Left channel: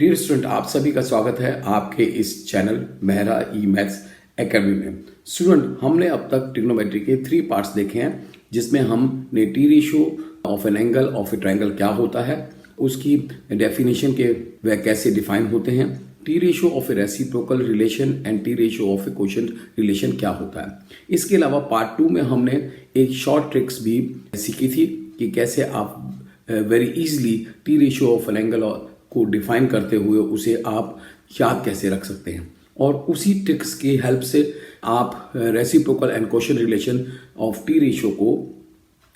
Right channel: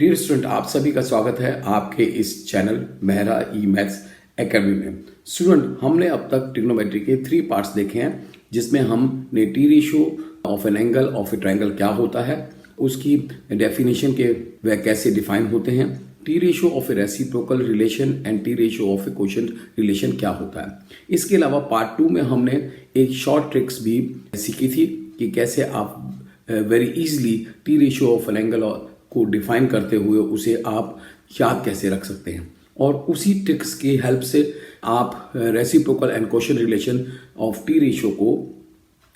Dear student, आप सभी का स्वागत है आपके इस चैनल मेहरा ई मैथ्स एकेडमी में। स्टूडेंट, हमने अब तक ट्रिग्नोमेट्री के 3 पार्ट्स देखे हैं, जिसमें हमने T ratio of an angle of a triangle क्या होता है, उसकी डेफिनेशन के वह कैसे डिफाइन होते हैं, T ratio of A reciprocal relation and T ratio of A quotient relation क्या होता है। इसके अलावा पार्ट 2 में हमने एक शॉर्ट ट्रिक्स भी सीखी थी कि कैसे आप very easily T ratio of an angle को डिफाइन करते हुए उसे आप याद कैसे रख सकते हैं, और उसी ट्रिक्स की हेल्प से आप reciprocal and quotient relation of T ratio को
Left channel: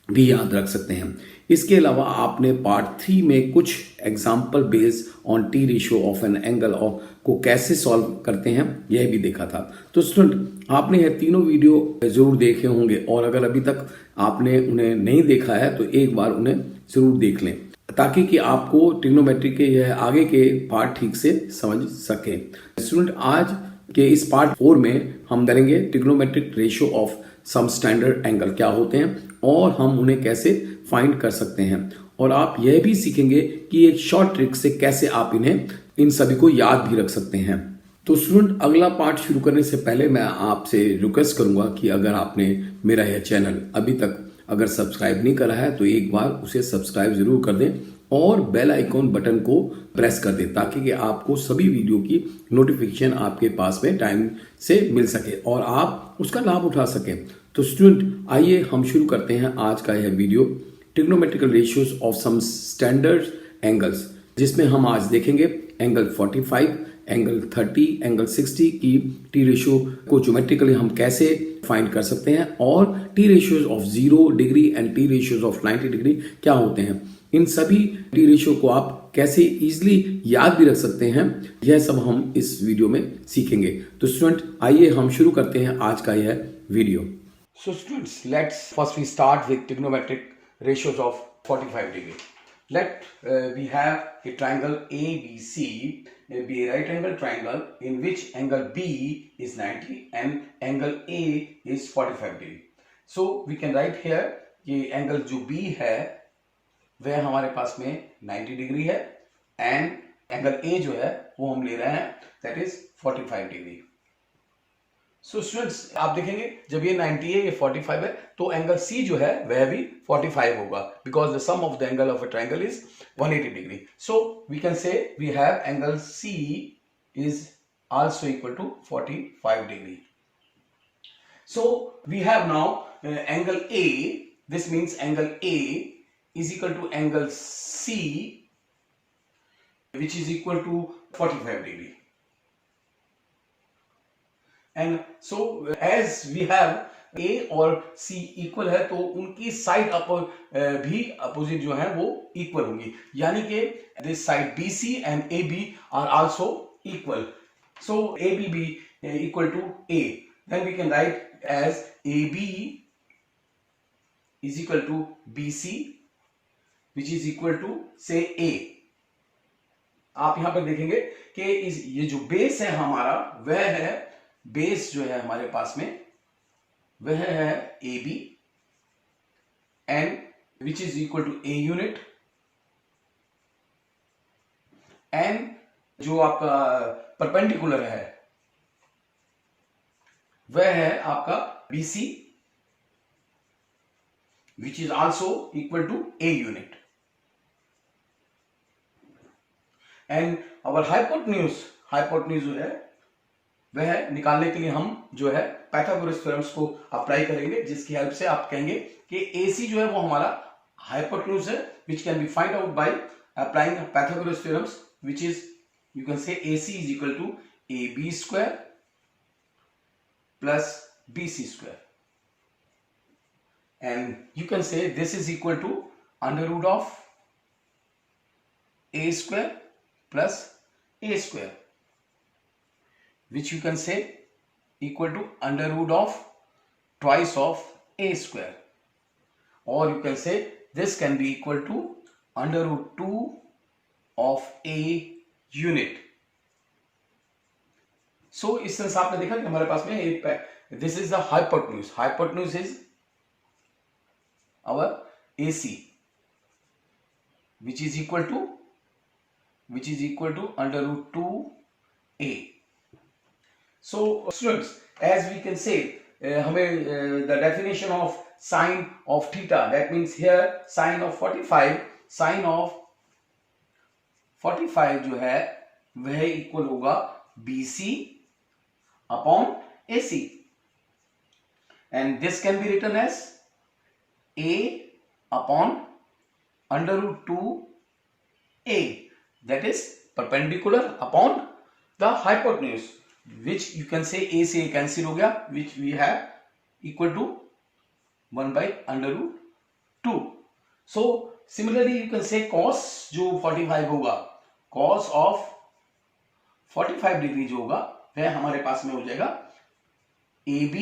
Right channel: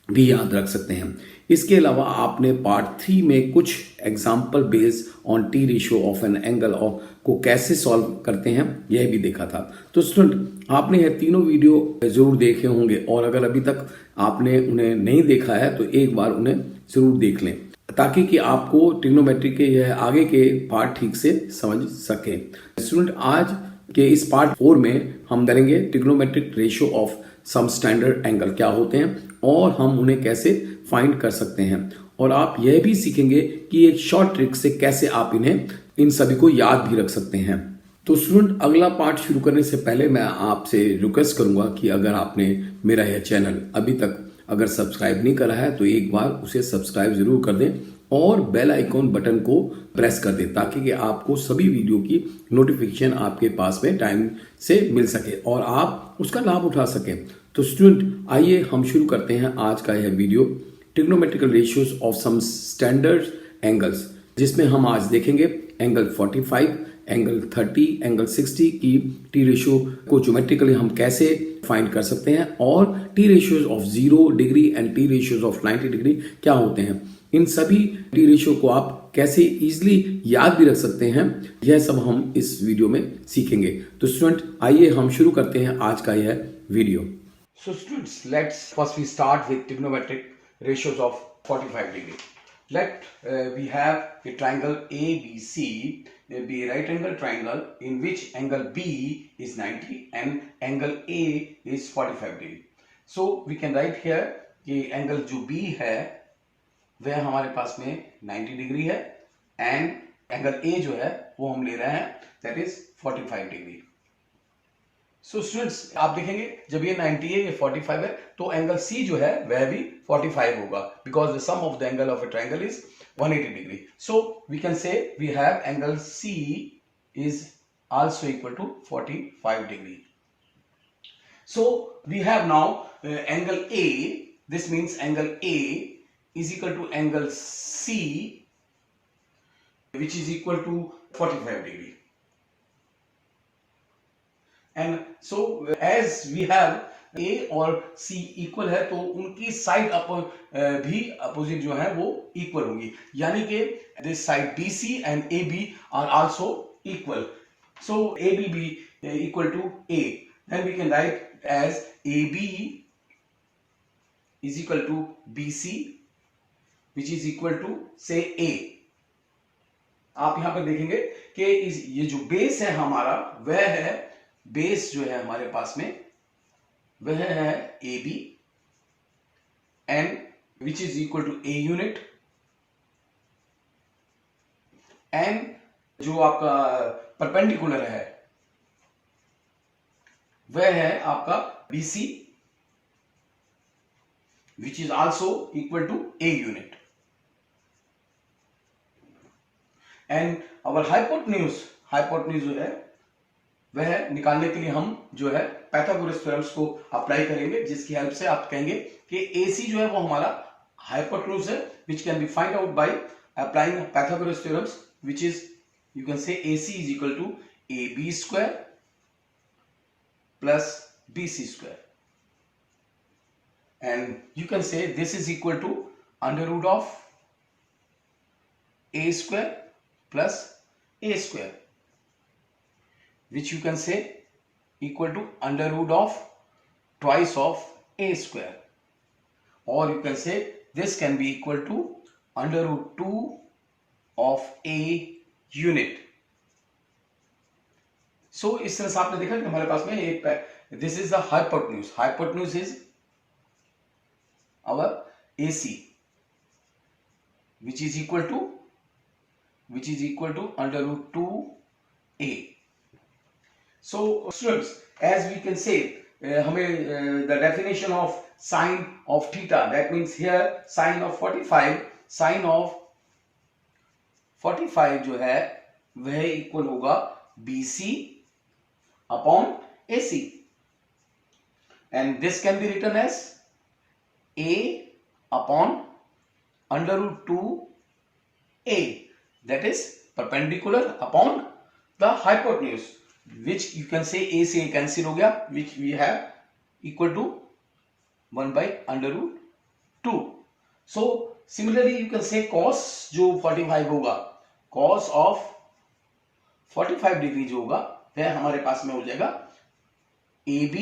भी याद रख सकते हैं। इसके अलावा आपने पार्ट 3 में कुछ example based on T ratio of an angle को कैसे सॉल्व करते हैं यह भी देखा था। तो स्टूडेंट, आपने ये तीनों वीडियो जरूर देखे होंगे, और अगर अभी तक आपने उन्हें नहीं देखा है तो एक बार उन्हें जरूर देख लें, ताकि कि आपको ट्रिग्नोमेट्री के यह आगे के पार्ट ठीक से समझ सके। स्टूडेंट, आज के इस पार्ट 4 में हम करेंगे trigonometric ratio of some standard angle क्या होते हैं और हम उन्हें कैसे फाइंड कर सकते हैं, और आप यह भी सीखेंगे कि एक शॉर्ट ट्रिक से कैसे आप इन सभी को याद भी रख सकते हैं। तो स्टूडेंट, अगला पार्ट शुरू करने से पहले मैं आपसे रिक्वेस्ट करूंगा कि अगर आपने मेरा यह चैनल अभी तक अगर सब्सक्राइब नहीं करा है तो एक बार उसे सब्सक्राइब जरूर कर दें और बेल आइकॉन बटन को प्रेस कर दें, ताकि कि आपको सभी वीडियो की नोटिफिकेशन आपके पास में टाइम से मिल सके और आप उसका लाभ उठा सकें। तो स्टूडेंट, आइए हम शुरू करते हैं आज का यह video, trigonometrical ratios of some standard angles, जिसमें हम आज देखेंगे एंगल 45, एंगल 30, एंगल 60 की टी रेशियो को ज्योमेट्रिकली हम कैसे फाइंड कर सकते हैं, और T ratios of 0 degree and T ratios of 90 degree क्या होते हैं। इन सभी टी रेशियो को आप कैसे इजीली याद भी रख सकते हैं, यह सब हम इस वीडियो में सीखेंगे। तो स्टूडेंट, आइए हम शुरू करते हैं आज का यह video. So students, let's first we start with trigonometric ratios of 45 degree. Let we have a triangle ABC, be a right angle triangle in which angle B is 90 and angle A is 45 degree. So we can write here कि angle जो B है वह हमारे पास में 90 degree है, and angle A जो है वो हम ले रहे हैं that is 45 degree. So students, आप देखेंगे जब ये 90 है, ये 45 है, तो एंगल C जो है वह भी 45 होगा, because the sum of the angle of a triangle is 180 degree. So we can say we have angle C is also equal to 45 degree. So we have now angle A, this means angle A is equal to angle C which is equal to 45 degree. And so as we have A और C equal है, तो उनकी side भी opposite जो है वो equal होंगी, यानी कि this side BC and AB are also equal. So AB भी equal to A, then we can write as AB is equal to BC which is equal to say A। आप यहां पर देखेंगे कि ये जो बेस है हमारा, वह है बेस जो है हमारे पास में वह है AB and which is equal to A unit, and जो आपका परपेंडिकुलर है वह है आपका BC which is also equal to A unit, and our hypotenuse जो है वह निकालने के लिए हम जो है पाइथागोरस थ्योरम्स को अप्लाई करेंगे, जिसकी हेल्प से आप कहेंगे कि AC जो है वो हमारा हाइपोटेन्यूज है, which can be find out by applying Pythagoras theorems, which is you can say AC is equal to AB square plus BC square, and you can say this is equal to under root of A square plus A square, which you can say equal to under root of twice of A square, or you can say this can be equal to under root 2 of A unit. So इस तरह से आपने देखा कि हमारे पास में एक this is the hypotenuse is our AC which is equal to which is equal to under root 2a. So students, as we can say, हमें the definition of sine of theta, that means here sine of 45 जो है वह equal होगा BC upon AC, and this can be written as A upon under root 2a, that is perpendicular upon the hypotenuse, which you can say A से cancel हो गया, which we have equal to 1 by under root 2. So similarly you can say cos जो 45 होगा, cos of 45 degree जो होगा वह हमारे पास में हो जाएगा AB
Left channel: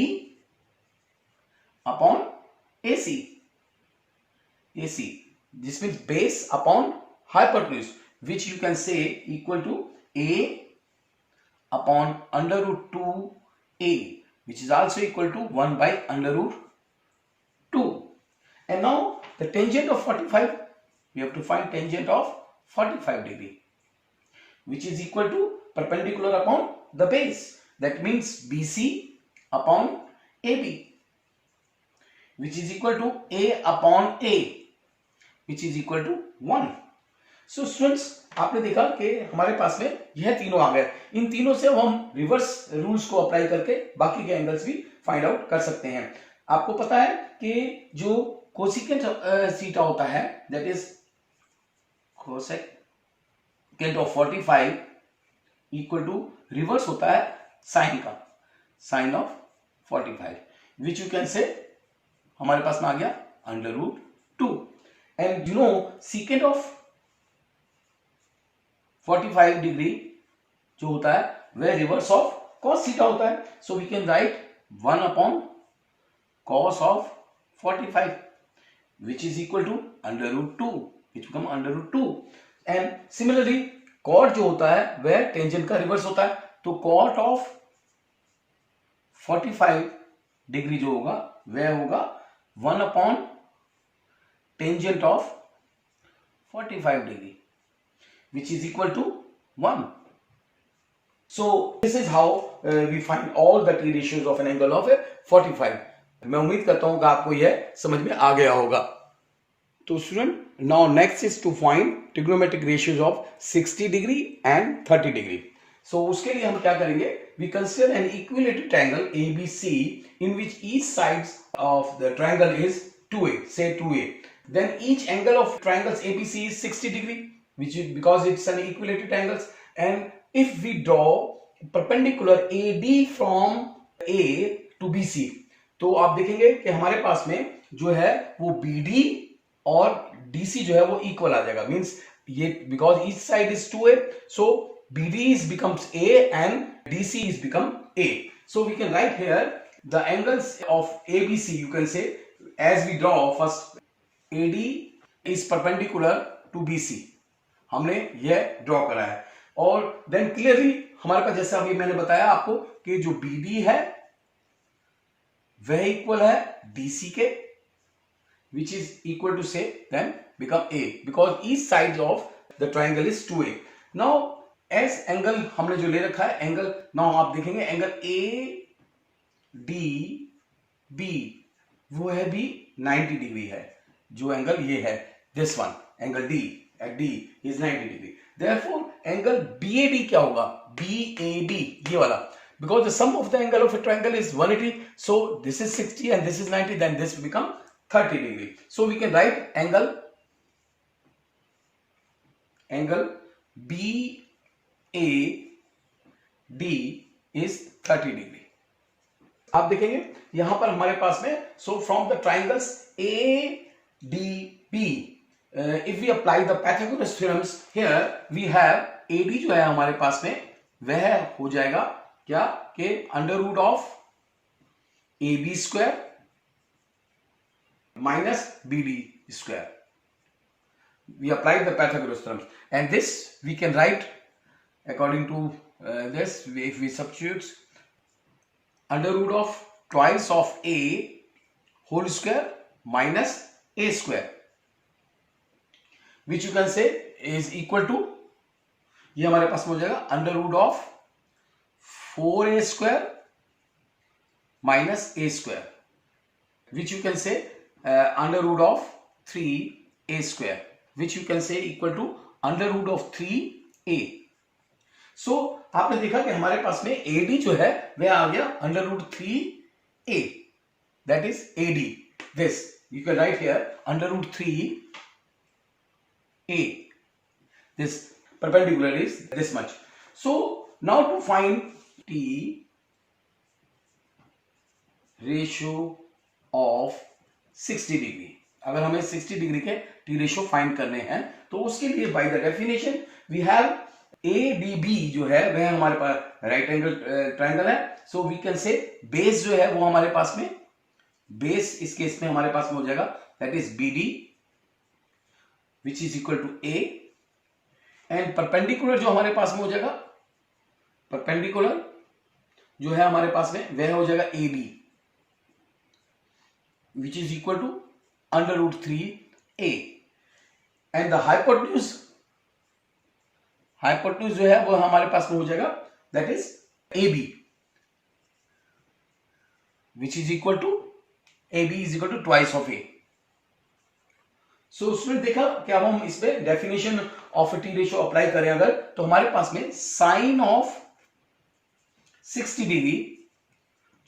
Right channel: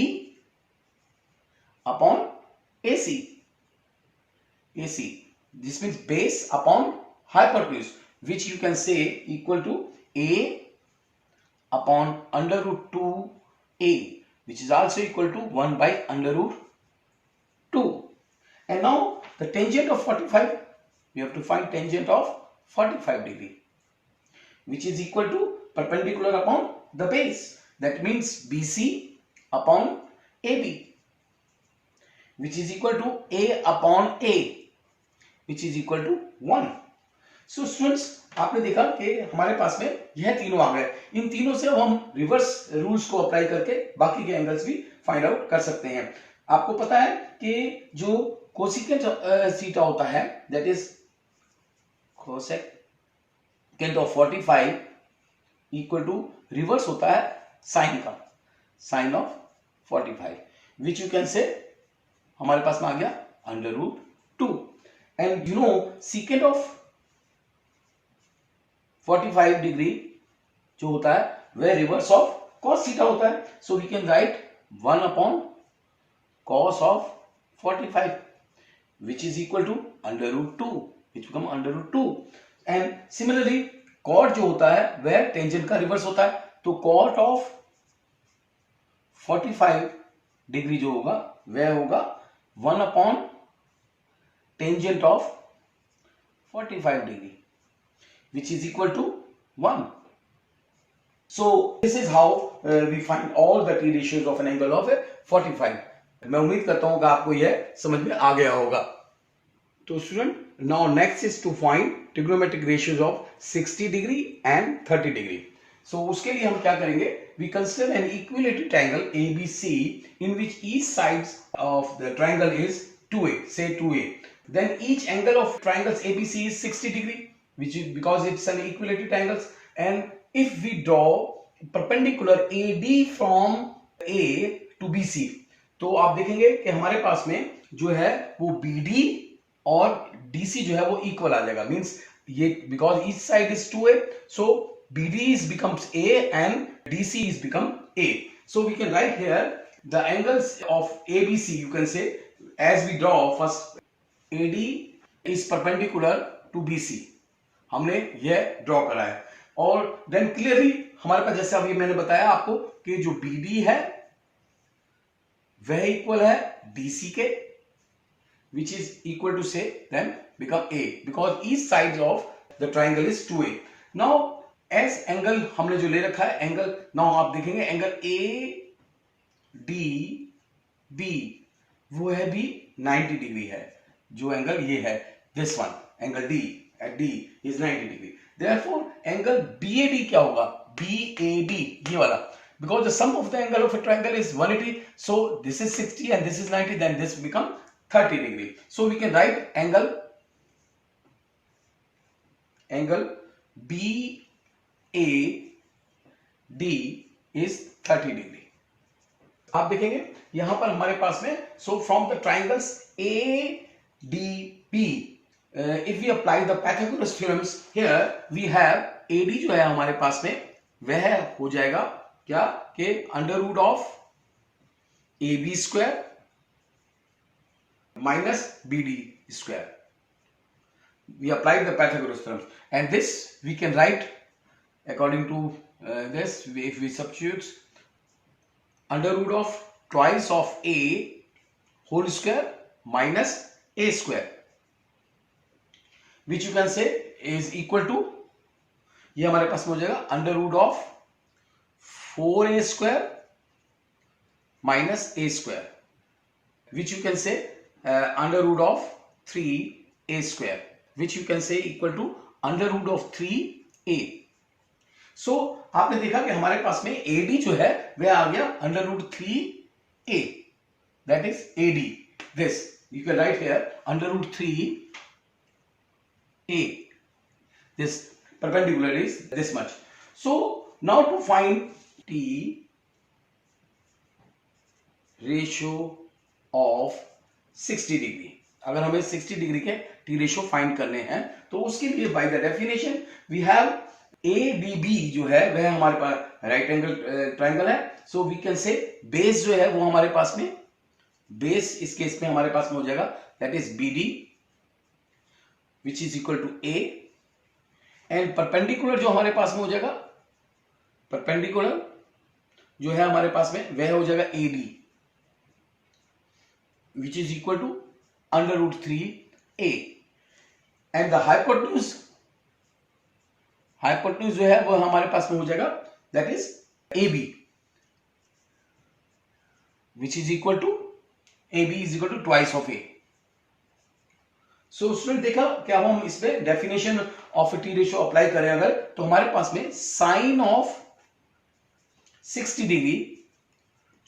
upon AC. This means base upon hypotenuse, which you can say equal to A upon under root 2a, which is also equal to 1 by under root 2. And now the tangent of 45, we have to find tangent of 45 degree, which is equal to perpendicular upon the base. That means BC upon AB, which is equal to A upon A, which is equal to 1. So students, आपने देखा कि हमारे पास में यह तीनों आ गए. इन तीनों से हम रिवर्स रूल्स को अप्लाई करके बाकी के एंगल्स भी फाइंड आउट कर सकते हैं. आपको पता है कि जो कोसेकेंट थीटा होता है, that is cosecant of 45 equal to reverse होता है साइन का, sine of 45, which you can say हमारे पास में आ गया under root 2. And you know secant of 45 degree जो होता है वह रिवर्स ऑफ cos थीटा होता है. So we can write 1 upon cos of 45, which is equal to under root 2, which become under root 2. And similarly cot जो होता है वह टेंजेंट का रिवर्स होता है. तो cot ऑफ 45 डिग्री जो होगा वह होगा 1 upon tangent of 45 degree, which is equal to 1. So this is how we find all the T ratios of an angle of 45. मैं उम्मीद करता हूं कि आपको यह समझ में आ गया होगा. तो student, now next is to find trigonometric ratios of 60 degree and 30 degree. So उसके लिए हम क्या करेंगे? We consider an equilateral triangle ABC in which each sides of the triangle is 2a, say 2a. Then each angle of triangles ABC is 60 degree, which is because it's an equilateral triangles. And if we draw perpendicular AD from A to BC, तो आप देखेंगे कि हमारे पास में जो है वो BD और DC जो है वो इक्वल आ जाएगा. मींस ये because each side is 2a, so BD is becomes A and DC is become A. So we can write here the angles of ABC. You can say as we draw first AD is perpendicular to BC. हमने यह draw करा है. और then clearly हमारे पास जैसे अभी मैंने बताया आपको कि जो BD है वह इक्वल है DC के, which is equal to say then become A because each sides of the triangle is 2a. Now as angle हमने जो ले रखा है एंगल, नाउ आप देखेंगे एंगल ADB वो है भी 90 डिग्री है. जो एंगल ये है this one angle D at D is 90 degree. Therefore angle BAD क्या होगा? BAD ये वाला, because the sum of the angle of a triangle is 180, so this is 60 and this is 90, then this become 30 degree. So we can write angle BAD is 30 degree. आप देखेंगे यहां पर हमारे पास में, so from the triangles ADB, if we apply the Pythagoras theorems here, we have AD जो है हमारे पास में वह हो जाएगा क्या कि under root of AB square minus BD square. We applied the Pythagoras theorem, and this we can write according to this. If we substitute under root of twice of A whole square minus A square, which you can say is equal to ये हमारे पास में हो जाएगा under root of 4a² minus a² which you can say under root of 3a² which you can say equal to under root of 3a. So आपने देखा कि हमारे पास में AD जो है वह आ गया under root 3a, that is AD. This you can write here under root 3a. This perpendicular is this much. So now to find T ratio of 60 degree, अगर हमें 60 डिग्री के टी रेशियो फाइंड करने हैं तो उसके लिए by the definition we have ADB जो है वह हमारे पास राइट एंगल ट्रायंगल है. So we can say base जो है वो हमारे पास में, बेस इस केस में हमारे पास में हो जाएगा that is BD which is equal to A, and perpendicular जो हमारे पास में हो जाएगा, परपेंडिकुलर जो है हमारे पास में वह हो जाएगा AD which is equal to under root 3a, and the hypotenuse जो है वो हमारे पास में हो जाएगा that is AB which is equal to AB is equal to twice of A. So student देखा क्या हम इस पे definition of T ratio apply करें अगर, तो हमारे पास में साइन ऑफ 60 डिग्री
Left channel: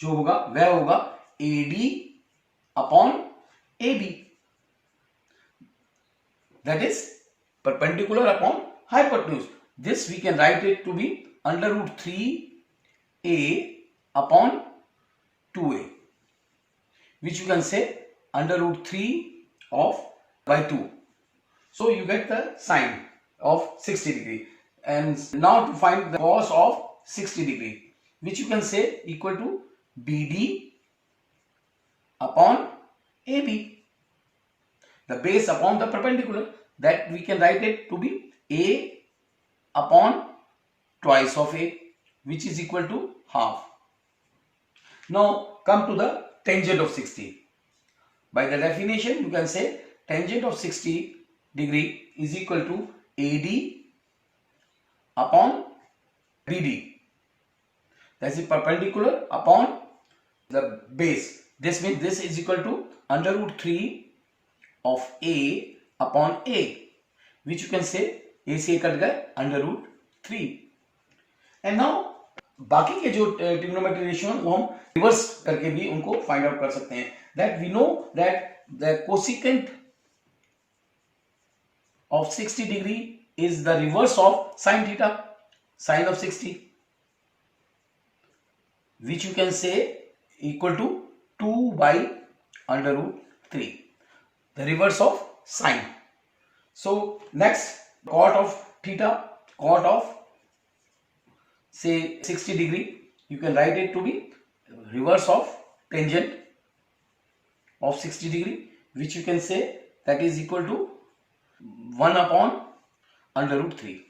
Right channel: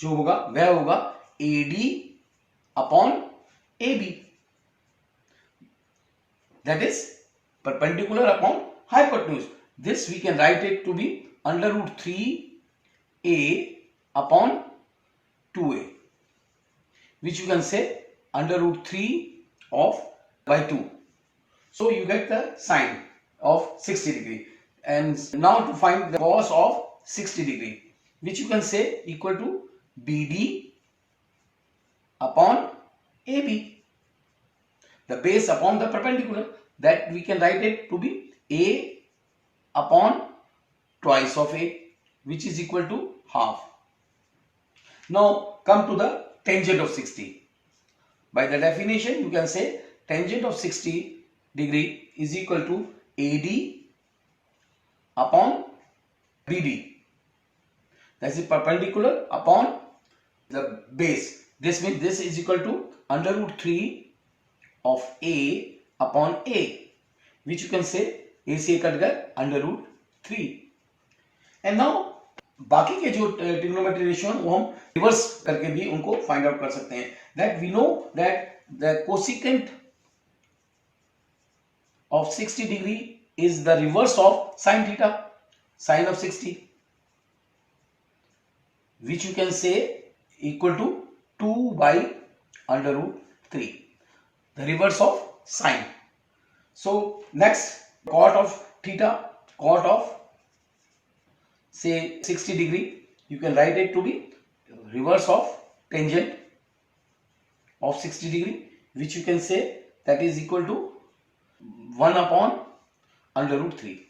जो होगा वह होगा AD upon AB, that is perpendicular upon hypotenuse. This we can write it to be under root 3a upon 2a, which you can say under root 3 of by 2. So you get the sine of 60 degree. And now to find the cos of 60 degree, which you can say equal to BD upon AB, the base upon the perpendicular, that we can write it to be A upon twice of A, which is equal to half. Now come to the tangent of 60. By the definition you can say tangent of 60 degree is equal to AD upon BD, that is perpendicular upon the base. This means this is equal to under root 3 of A upon A, which you can say A से cut गए under root 3. And now बाकी के जो trigonometry ratio हैं वो हम reverse करके भी उनको फाइंड आउट कर सकते हैं. That we know that the cosecant of 60 degree is the reverse of sin theta, sin of 60, which you can say equal to 2 by under root 3, the reverse of sine. So next, cot of theta, cot of say 60 degree, you can write it to be reverse of tangent of 60 degree, which you can say that is equal to 1 upon under root 3.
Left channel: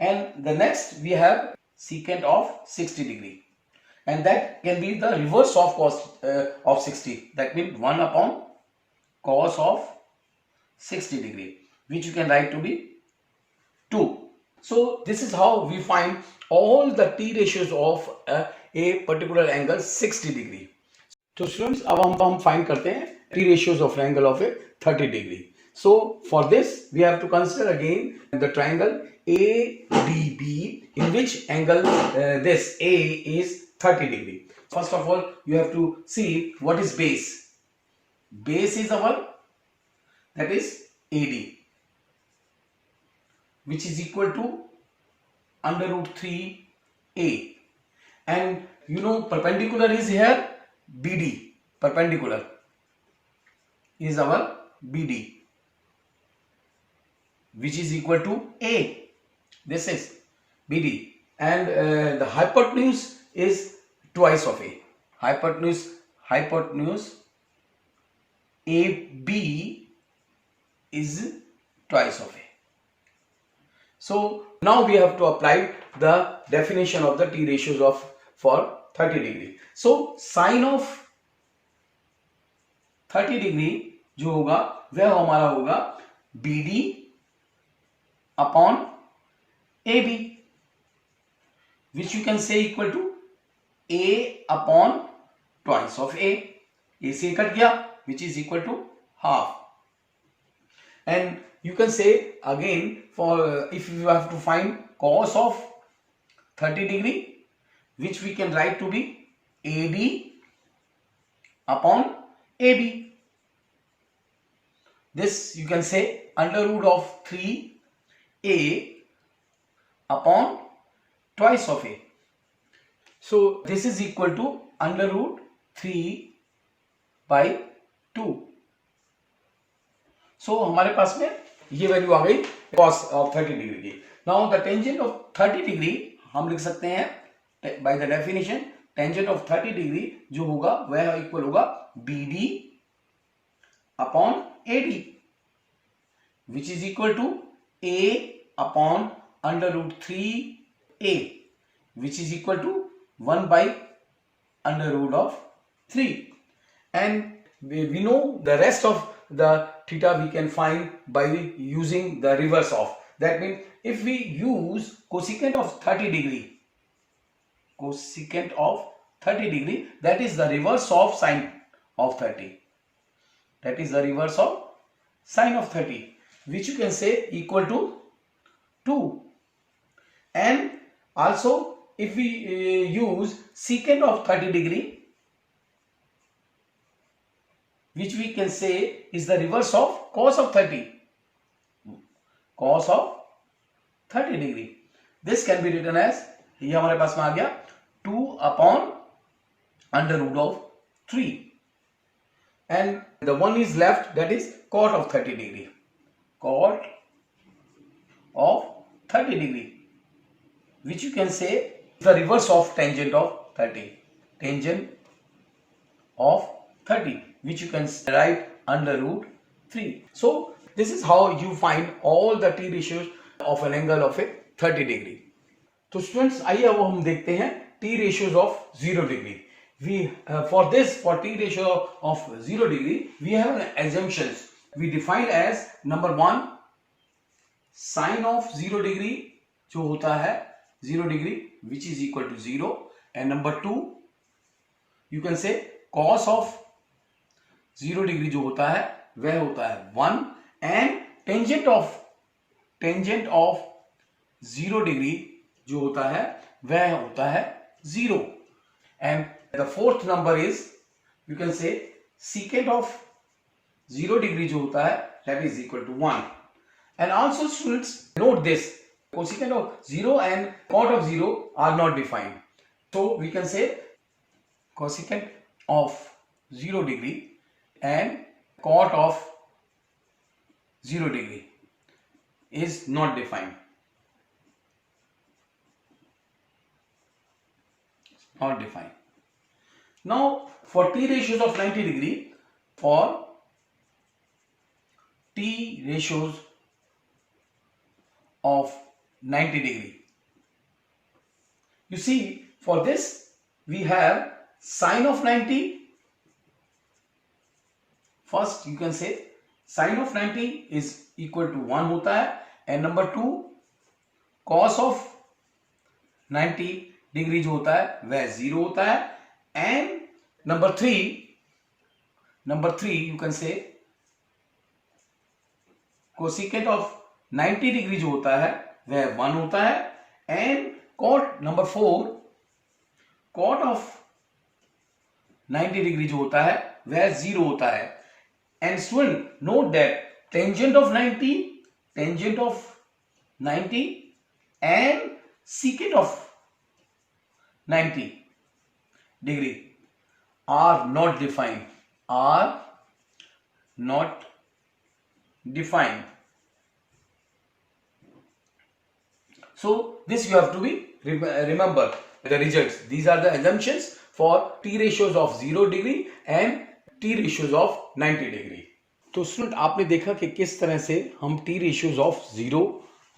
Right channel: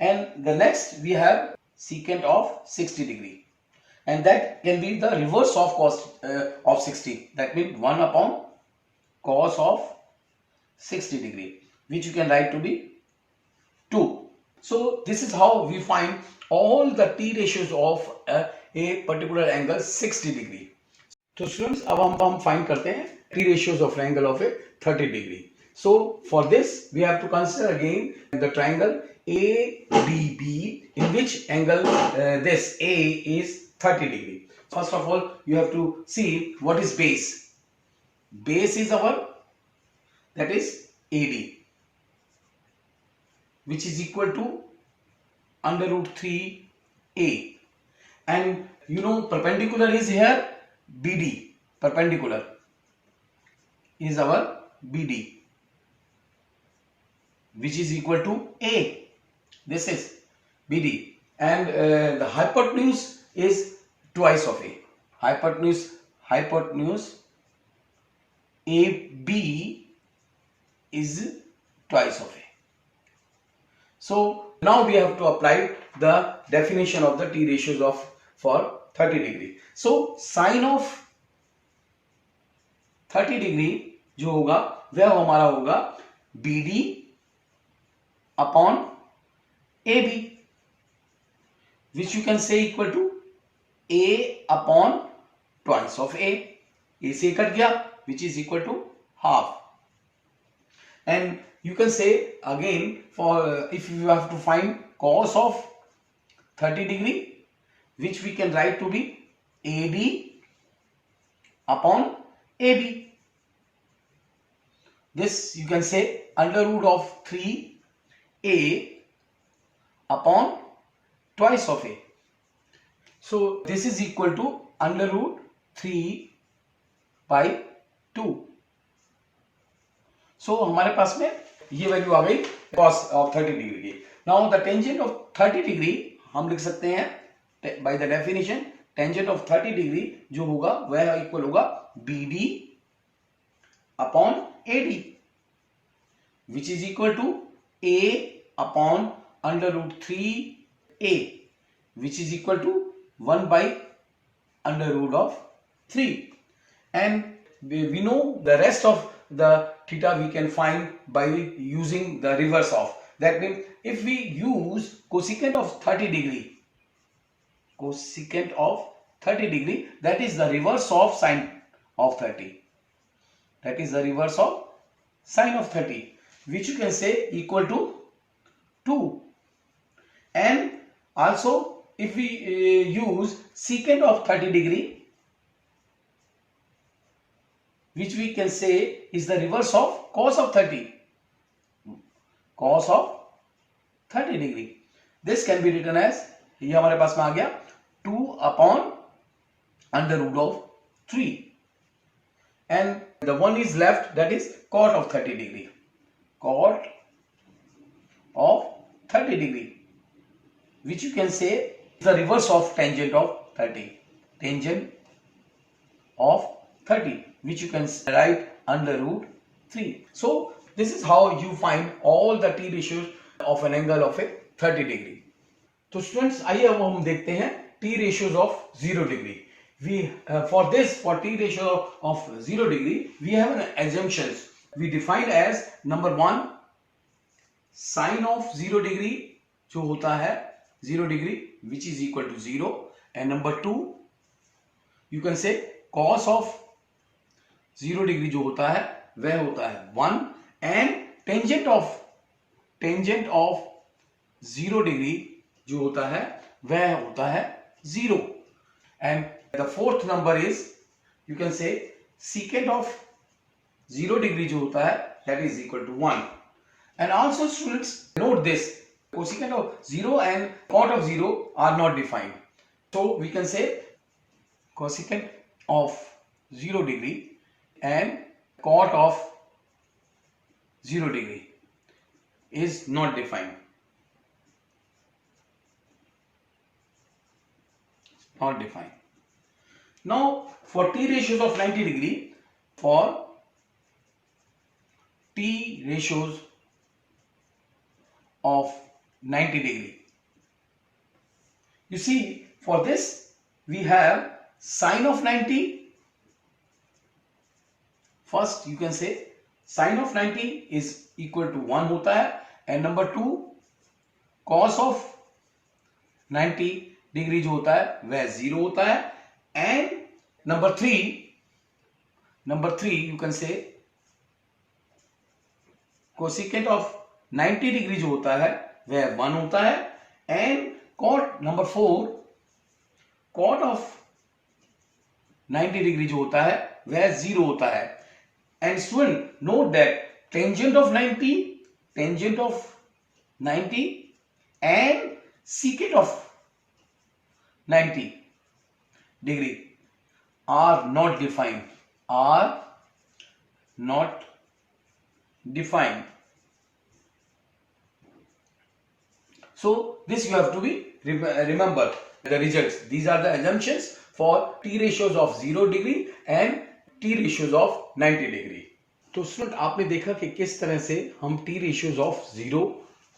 And the next we have secant of 60 degree, and that can be the reverse of cos of 60, that means 1 upon cos of 60 degree, which you can write to be 2. So this is how we find all the T ratios of a particular angle 60 degree. So students, अब हम find करते हैं T ratios of angle of a 30 degree. So for this we have to consider again the triangle ADB, in which angle this A is 30 degree. First of all you have to see what is base. Base is our, that is AD, which is equal to under root 3a, and you know perpendicular is here BD, perpendicular is our BD, which is equal to A. This is BD, and the hypotenuse is twice of A. Hypotenuse AB is twice of A. So now we have to apply the definition of the T ratios of for 30 degree. So sin of 30 degree जो होगा वह हमारा होगा BD upon AB, which you can say equal to A upon twice of A. A से cut गया, which is equal to half. And you can say again, for if you have to find cos of 30 degree, which we can write to be AD upon AB. This you can say under root of 3A upon twice of A. So this is equal to under root 3 by 2. So हमारे पास में ये value आ गई cos of 30 degree की. Now the tangent of 30 degree हम लिख सकते हैं by the definition, tangent of 30 degree जो होगा वह इक्वल होगा BD upon AD, which is equal to A upon under root 3A, which is equal to 1 by under root of 3. And we know the rest of the theta we can find by using the reverse of. That means if we use cosecant of 30 degree, cosecant of 30 degree, that is the reverse of sine of 30. That is the reverse of sine of 30, which you can say equal to 2. And also if we use secant of 30 degree, which we can say is the reverse of cos of 30. Cos of 30 degree. This can be written as, ये हमारे पास में आ गया 2 upon under root of 3. And the one is left, that is cot of 30 degree. Cot of 30 degree, which you can say is the reverse of tangent of 30. Tangent of 30, which you can write under root 3. So this is how you find all the T ratios of an angle of a 30 degree. तो students आइए अब हम देखते हैं T ratios of 0 degree. We for T ratio of 0 degree, we have an assumptions. We define as number 1, sine of 0 degree जो होता है 0 degree, which is equal to 0, and number 2, you can say cos of 0 degree जो होता है वह होता है 1, and tangent of 0 degree जो होता है वह होता है 0. And the fourth number is, you can say secant of 0 degree जो होता है that is equal to 1. And also students note this, cosecant of 0 and cot of 0 are not defined. So we can say cosecant of 0 degree and cot of 0 degree is not defined. Not defined. Now for T ratios of 90 degree, for T ratios of 90 degree, you see for this we have sine of 90. First you can say sine of 90 is equal to 1 होता है, and number 2 cos of 90 degree जो होता है वह 0 होता है, and number 3 you can say cosecant of 90 degree जो होता है वह 1 होता है, and cot number 4 cot of 90 degree जो होता है वह 0 होता है. And student, note that tangent of 90 and secant of 90 degree are not defined. So this you have to be remember the results. These are the assumptions for T ratios of 0 degree and T ratios of 90 degree. तो student आपने देखा कि किस तरह से हम T ratios of 0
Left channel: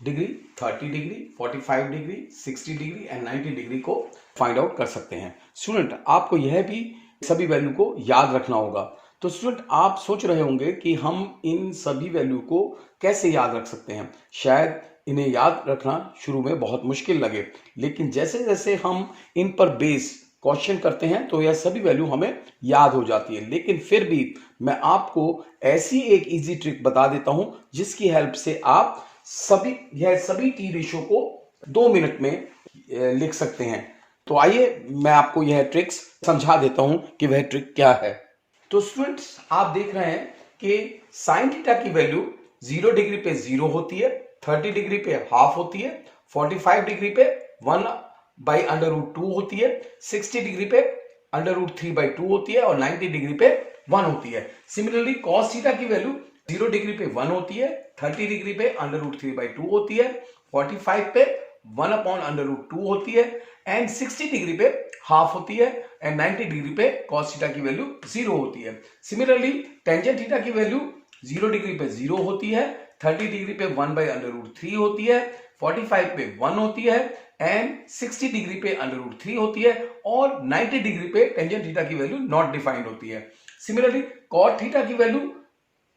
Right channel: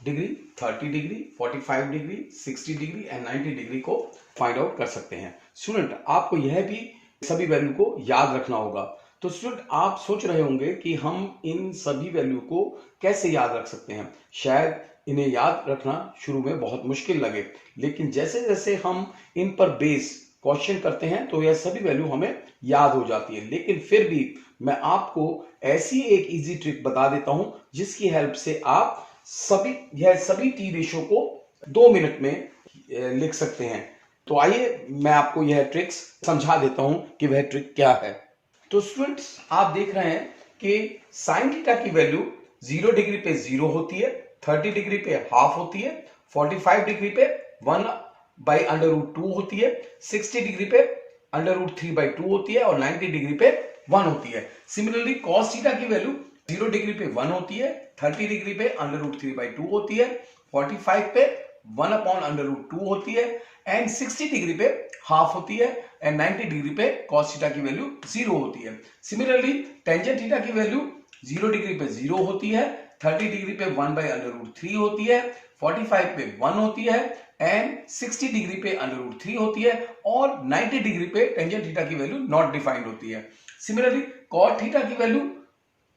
degree, 30 degree, 45 degree, 60 degree and 90 degree को find out कर सकते हैं. स्टूडेंट आपको यह भी सभी वैल्यू को याद रखना होगा. तो स्टूडेंट आप सोच रहे होंगे कि हम इन सभी वैल्यू को कैसे याद रख सकते हैं. शायद इन्हें याद रखना शुरू में बहुत मुश्किल लगे, लेकिन जैसे जैसे हम इन पर बेस क्वेश्चन करते हैं तो यह सभी वैल्यू हमें याद हो जाती है। लेकिन फिर भी मैं आपको ऐसी एक इजी ट्रिक बता देता हूं जिसकी हेल्प से आप सभी टी रेशो को 2 मिनट में लिख सकते हैं। तो आइए मैं आपको यह ट्रिक्स समझा देता हूं कि वह ट्रिक क्या है। तो स्टूडेंट्स, आप देख रहे हैं कि साइन थीटा की वैल्यू 0 डिग्री पे 0 होती है, 30 डिग्री पे हाफ होती है, 45 डिग्री पे 1/√2 होती है, 60 डिग्री पे √3/2 होती है और 90 डिग्री पे 1 होती है। सिमिलरली कॉस थीटा की वैल्यू 0 डिग्री पे 1 होती है, 30 डिग्री पे √3/2 होती है, 45 पे 1/√2 होती है एंड 60 डिग्री पे हाफ होती है एंड 90 डिग्री पे cos थीटा की वैल्यू 0 होती है। सिमिलरली टेंजेंट थीटा की वैल्यू 0 डिग्री पे 0 होती है, 30 डिग्री पे 1/√3 होती है, 45 पे 1 होती है एंड 60 डिग्री पे √3 होती है और 90 डिग्री पे टेंजेंट थीटा की वैल्यू नॉट डिफाइंड होती है। सिमिलरली cot थीटा की वैल्यू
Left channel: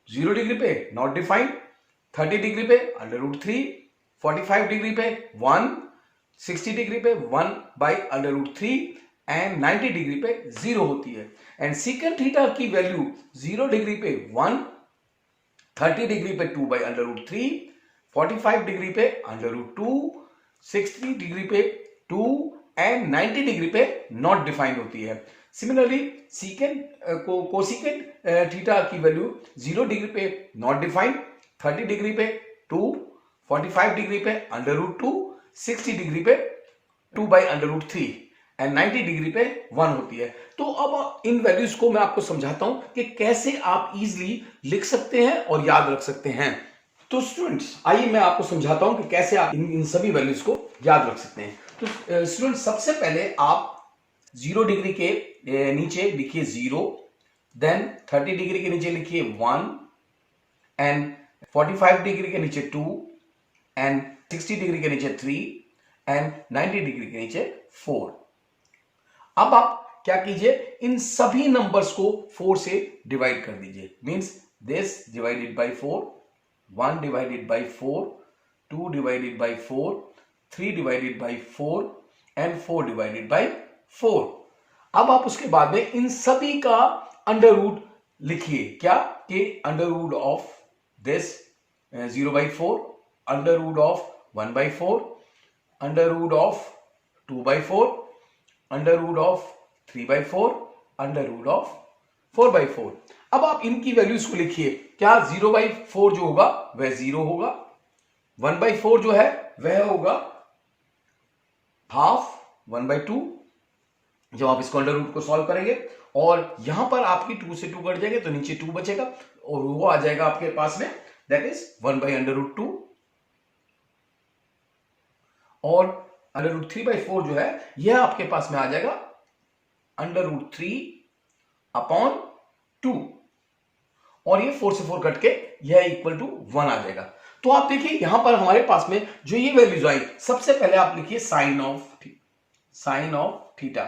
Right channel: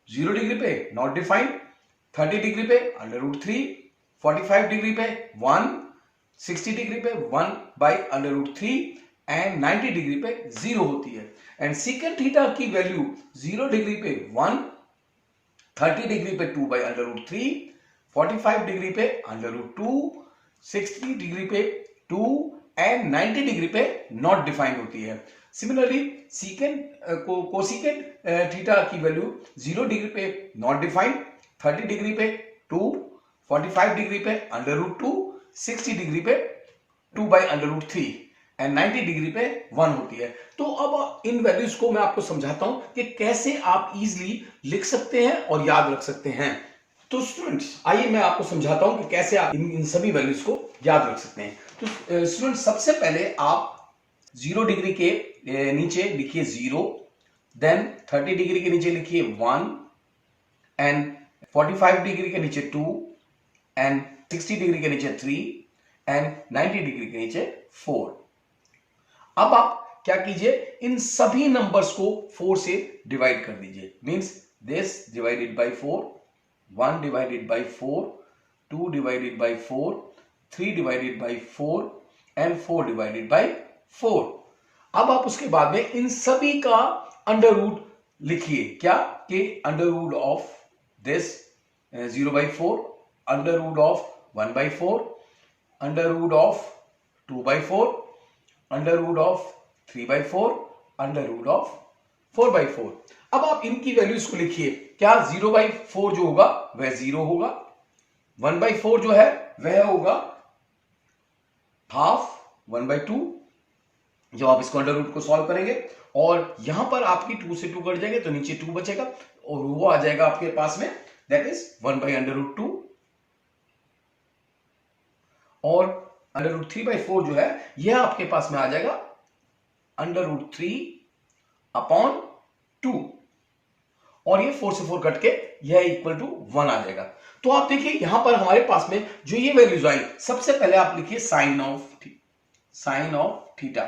0 डिग्री पे नॉट डिफाइंड, 30 डिग्री पे √3, 45 डिग्री पे 1, 60 डिग्री पे 1/√3 एंड 90 डिग्री पे 0 होती है। एंड सीकेंट थीटा की वैल्यू 0 डिग्री पे 1, 30 डिग्री पे 2/√3, 45 डिग्री पे √2, 60 डिग्री पे 2 एंड 90 डिग्री पे नॉट डिफाइंड होती है। सिमिलरली कोसिकेंट थीटा की वैल्यू 0 डिग्री पे नॉट डिफाइंड, 30 डिग्री पे 2, 45 डिग्री पे √2, 60 डिग्री पे 2/√3 एंड 90 डिग्री पे 1 होती है। तो अब इन वैल्यूज को मैं आपको समझाता हूं कि कैसे आप इजीली लिख सकते हैं और याद रख सकते हैं। तो स्टूडेंट्स, आइए मैं आपको समझाता हूं कि कैसे आप इन सभी वैल्यूज को याद रख सकते हैं। तो स्टूडेंट्स, सबसे पहले आप 0 डिग्री के नीचे लिखिए 0, देन 30 डिग्री के नीचे लिखिए 1 एंड 45 डिग्री के नीचे 2 एंड 60 डिग्री के नीचे 3 एंड 90 डिग्री के नीचे 4। अब आप क्या कीजिए, इन सभी नंबर्स को 4 से डिवाइड कर दीजिए। Means this divided by 4, 1 divided by 4, 2 divided by 4, 3 divided by 4 and 4 divided by 4। अब आप उसके बाद में इन सभी का अंडर रूट लिखिए। क्या कि under root of this 0/4, under root of 1/4, under root of 2/4, under root of 3/4, under root of 4/4। अब आप इनकी वैल्यूज को लिखिए। क्या 0/4 जो होगा वह 0 होगा, 1/4 जो है वह होगा हाफ 1/2 जब आप इसको अंडर रूट को सॉल्व करेंगे, और यहां पर आपकी 2 से 2 कट जाएंगे तो नीचे 2 बचेगा और वो आ जाएगा आपके पास में, दैट इज 1/√2 और √3/4 जो है यह आपके पास में आ जाएगा √3/2 और ये 4 से 4 कट के यह इक्वल टू 1 आ जाएगा। तो आप देखिए यहां पर हमारे पास में जो ये वैल्यूज आई, सबसे पहले आप लिखिए साइन ऑफ थीटा।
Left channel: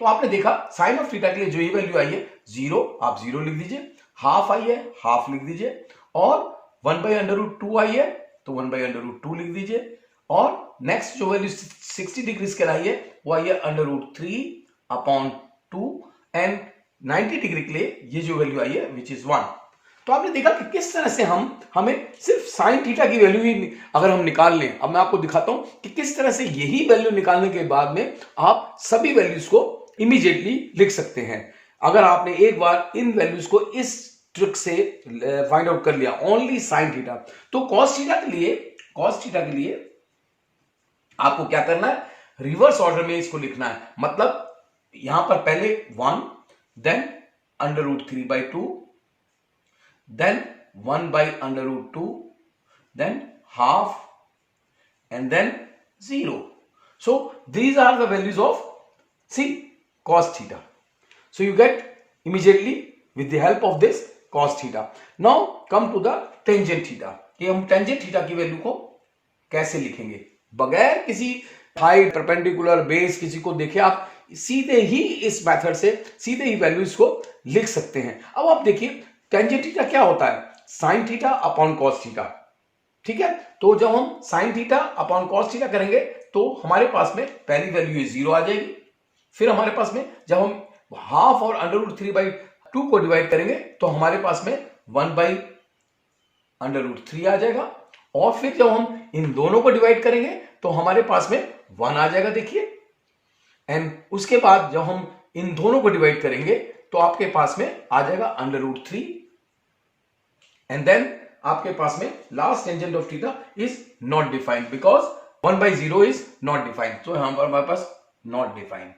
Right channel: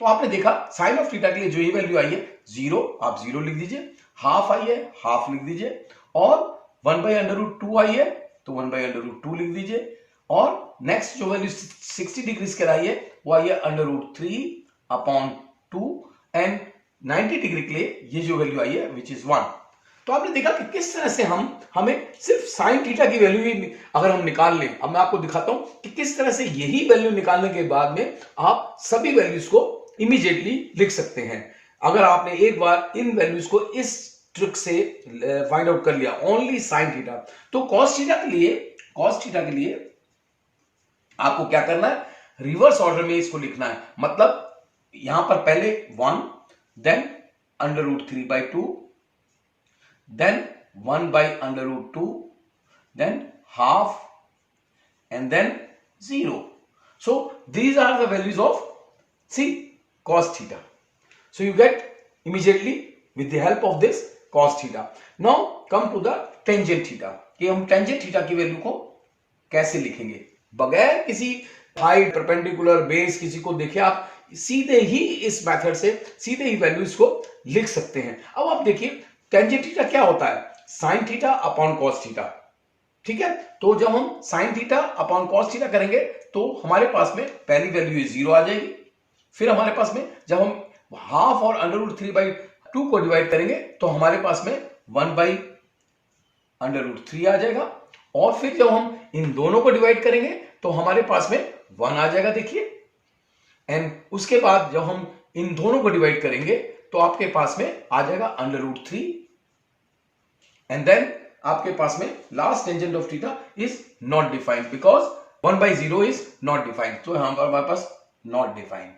तो आपने देखा साइन ऑफ थीटा के लिए जो ये वैल्यू आई है 0, आप 0 लिख दीजिए, हाफ आई है हाफ लिख दीजिए, और 1/√2 आई है तो 1/√2 लिख दीजिए, और नेक्स्ट जो वैल्यू 60 डिग्री के आई है वो आई है √3/2 एंड 90 डिग्री के लिए ये जो वैल्यू आई है विच इज 1। तो आपने देखा कि किस तरह से हमें सिर्फ साइन थीटा की वैल्यू ही अगर हम निकाल लें। अब मैं आपको दिखाता हूं कि किस तरह से यही वैल्यू निकालने के बाद में आप सभी वैल्यूज को इमीडिएटली लिख सकते हैं। अगर आपने एक बार इन वैल्यूज को इस ट्रिक से फाइंड आउट कर लिया ओनली साइन थीटा, तो कॉस थीटा के लिए आपको क्या करना है, रिवर्स ऑर्डर में इसको लिखना है। मतलब यहां पर पहले 1, then √3/2, then 1/√2, then half, and then 0. So these are the values of cos theta. So you get immediately with the help of this cos theta. Now come to the tangent theta, कि हम tangent theta की value को कैसे लिखेंगे बगैर किसी height, perpendicular, base किसी को देखे आप सीधे ही इस मेथड से सीधे ही वैल्यूज को लिख सकते हैं। अब आप देखिए टेंजेंट थीटा क्या होता है, sine theta upon cos theta. ठीक है। तो जब हम sine theta upon cos theta करेंगे तो हमारे पास में पहली वैल्यू 0 आ जाएगी। फिर हमारे पास में जब हम हाफ और √3/2 को डिवाइड करेंगे तो हमारे पास में 1/√3 आ जाएगा। और फिर जब हम इन दोनों को डिवाइड करेंगे तो हमारे पास में 1 आ जाएगा, देखिए। एंड उसके बाद जब हम इन दोनों को डिवाइड करेंगे तो आपके पास में आ जाएगा √3 एंड देन आपके पास में last tangent of theta is not defined because 1/0 is not defined. तो हमारे पास नॉट डिफाइंड।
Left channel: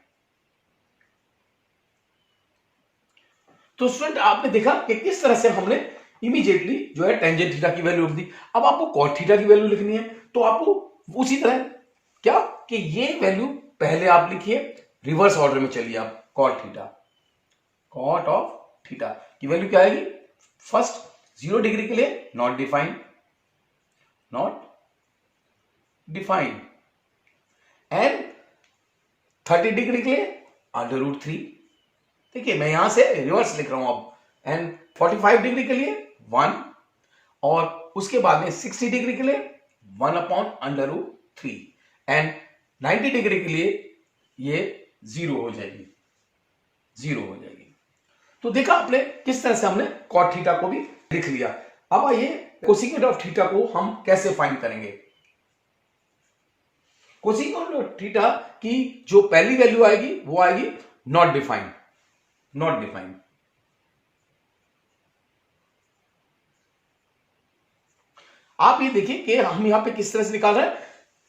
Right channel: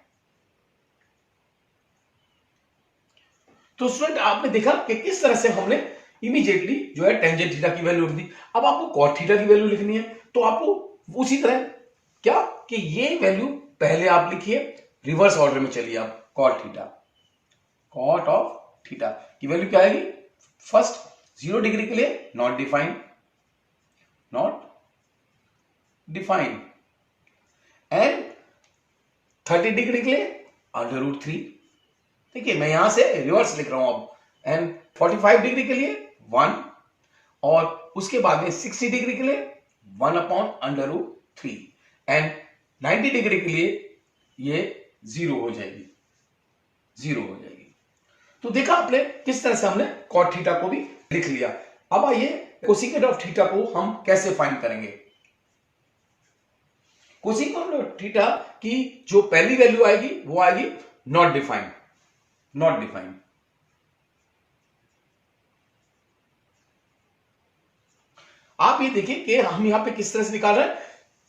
तो स्टूडेंट आपने देखा कि किस तरह से हमने इमीडिएटली जो है टेंजेंट थीटा की वैल्यू लिख दी। अब आपको कॉट थीटा की वैल्यू लिखनी है तो आपको उसी तरह क्या कि ये वैल्यू पहले आप लिखिए, रिवर्स ऑर्डर में चलिए आप। Cot theta, cot of theta की वैल्यू क्या आएगी? फर्स्ट 0 डिग्री के लिए not defined, not defined, and 30 degree के लिए √3। देखिए मैं यहां से रिवर्स लिख रहा हूं अब। एंड 45 डिग्री के लिए 1 और उसके बाद में 60 डिग्री के लिए 1/√3 एंड 90 डिग्री के लिए ये 0 हो जाएगी, 0 हो जाएगी। तो देखा आपने किस तरह से हमने कॉट थीटा को भी लिख लिया। अब आइए कोसेकेंट ऑफ थीटा को हम कैसे फाइंड करेंगे। कोसेकेंट ऑफ थीटा की जो पहली वैल्यू आएगी वो आएगी नॉट डिफाइंड, नॉट डिफाइंड। आप ये देखिए कि हम यहां पे किस तरह से निकाल रहे हैं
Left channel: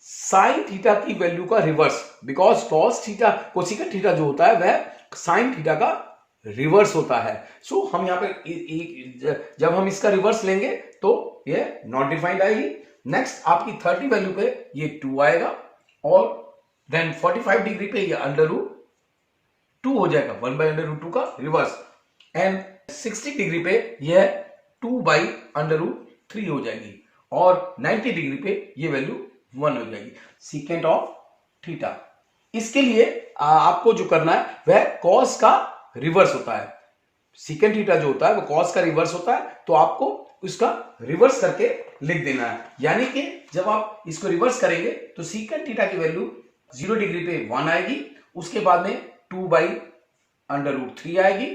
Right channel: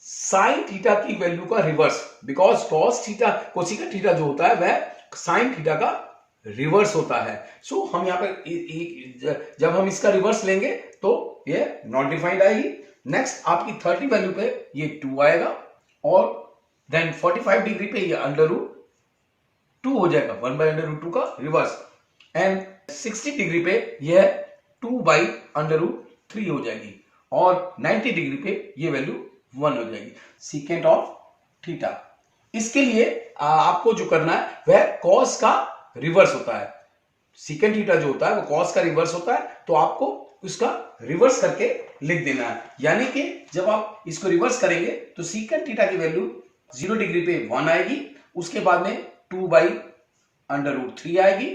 साइन थीटा की वैल्यू का reverse, because cos theta cosecant theta जो होता है वह साइन थीटा का रिवर्स होता है। सो हम यहां पर जब हम इसका रिवर्स लेंगे तो ये नॉट डिफाइंड आएगी। नेक्स्ट आपकी 30 वैल्यू पे ये 2 आएगा और देन 45 डिग्री पे ये √2 हो जाएगा, 1/√2 का रिवर्स। एंड 60 डिग्री पे यह 2/√3 हो जाएगी और 90 डिग्री पे ये वैल्यू 1 हो जाएगी। सीकेंट ऑफ थीटा, इसके लिए आपको जो करना है वह कॉस का रिवर्स होता है। सीकेंट थीटा जो होता है वो कॉस का रिवर्स होता है, तो आपको इसका रिवर्स करके लिख देना है। यानी कि जब आप इसको रिवर्स करेंगे तो सीकेंट थीटा की वैल्यू 0 डिग्री पे 1 आएगी, उसके बाद में 2/√3 आएगी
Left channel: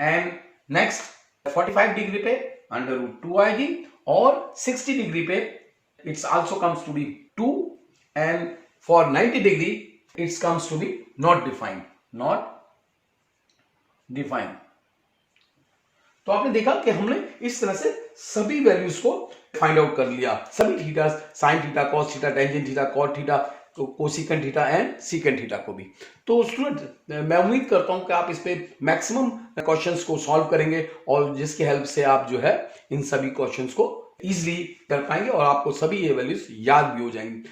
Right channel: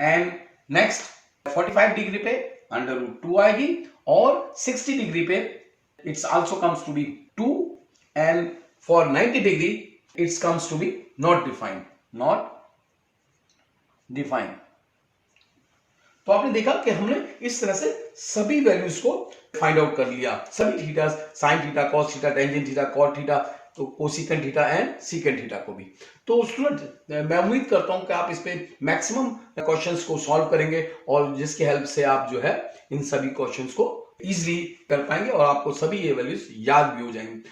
एंड नेक्स्ट 45 डिग्री पे √2 आएगी और 60 डिग्री पे it's also comes to be 2 and for 90 degree it's comes to be not defined, not defined. तो आपने देखा कि हमने इस तरह से सभी वैल्यूज को फाइंड आउट कर लिया, सभी theta, sine theta, cos theta, tangent theta, cot theta, तो cosecant theta and secant theta को भी। तो स्टूडेंट मैं उम्मीद करता हूं कि आप इस पे मैक्सिमम क्वेश्चंस को सॉल्व करेंगे और जिसकी हेल्प से आप जो है इन सभी क्वेश्चंस को इजीली कर पाएंगे और आपको सभी ये वैल्यूज याद भी हो जाएंगी।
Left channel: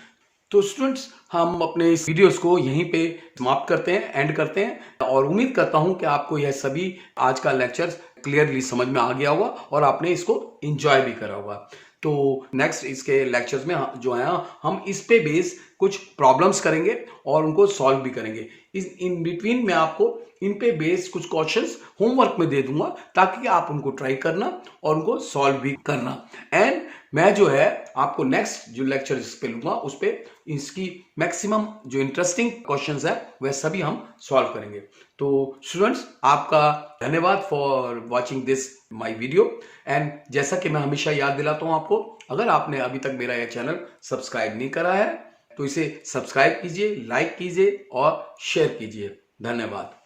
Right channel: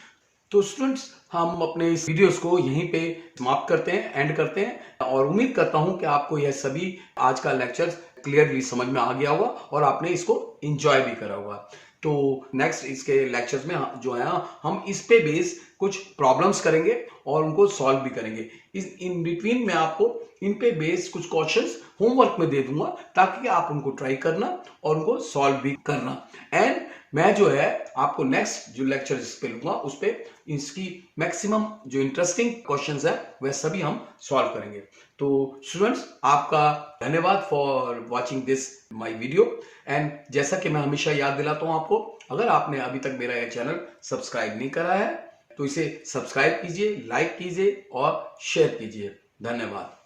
तो स्टूडेंट्स हम अपने इस वीडियोस को यहीं पे समाप्त करते हैं, एंड करते हैं और उम्मीद करता हूं कि आपको यह सभी आज का लेक्चर क्लियरली समझ में आ गया होगा और आपने इसको एंजॉय भी करा होगा। तो नेक्स्ट इसके लेक्चर्स में जो है हम इस पे बेस कुछ प्रॉब्लम्स करेंगे और उनको सॉल्व भी करेंगे। इस इन बिटवीन में आपको इन पे बेस कुछ क्वेश्चंस होमवर्क में दे दूंगा ताकि आप उनको ट्राई करना और उनको सॉल्व भी करना। एंड मैं जो है आपको नेक्स्ट जो लेक्चर इस पे लूंगा उस पे इसकी मैक्सिमम जो इंटरेस्टिंग क्वेश्चंस है वह सभी हम सॉल्व करेंगे। तो स्टूडेंट्स आपका धन्यवाद for watching this my video. And जैसा कि मैं हमेशा याद दिलाता हूं आपको, अगर आपने अभी तक मेरा यह चैनल सब्सक्राइब नहीं करा है तो इसे सब्सक्राइब कीजिए, लाइक कीजिए और शेयर कीजिए। धन्यवाद।